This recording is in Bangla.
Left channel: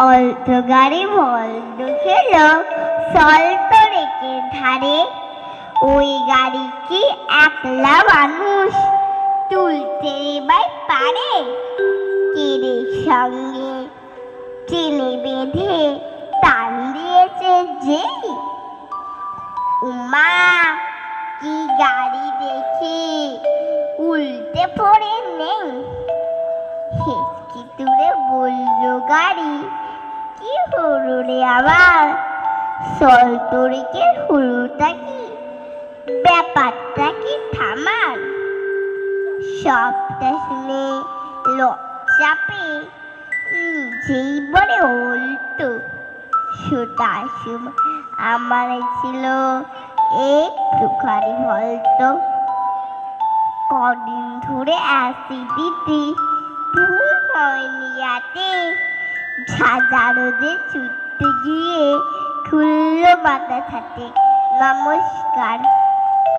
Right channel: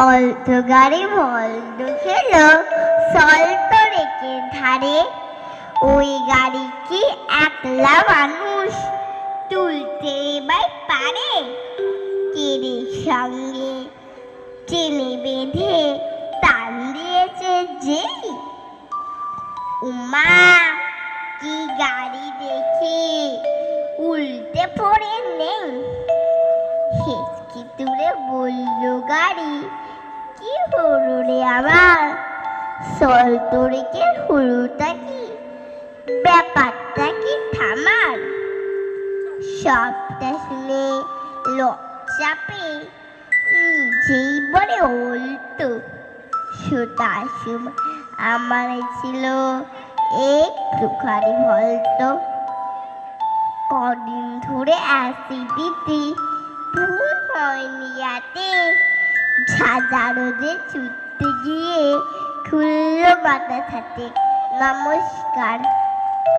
অল্টো গাড়ি বলদ খেল সল্ট রেখে ধারে, ওই গাড়ি কি একলা মানুষ তুলতে এবার পারে? তীরের সঙ্গে টেনে বেঁধে টান দিয়েছে যেই, উমা কি গাড়ি দেখি উল্টে পড়ে নেই। হেঁচকি তুলে বলল গাড়ি, কি হলো রে আবার? সল্ট রেখে হলোটা কি? ব্যাপারটা কি থামার? সবটা শুনে লজ্জা পেয়ে নিজেই বলে উল্টো, সেটার সময় আমার ছিল একটুখানি হলতো। কদিন ধরে অ্যাসিডিটি ঘুম হয়নি রাতে, ঝাঁঝা রোদে ছুটতে গিয়ে খুললো মাথা ছাতে। নমস্কার।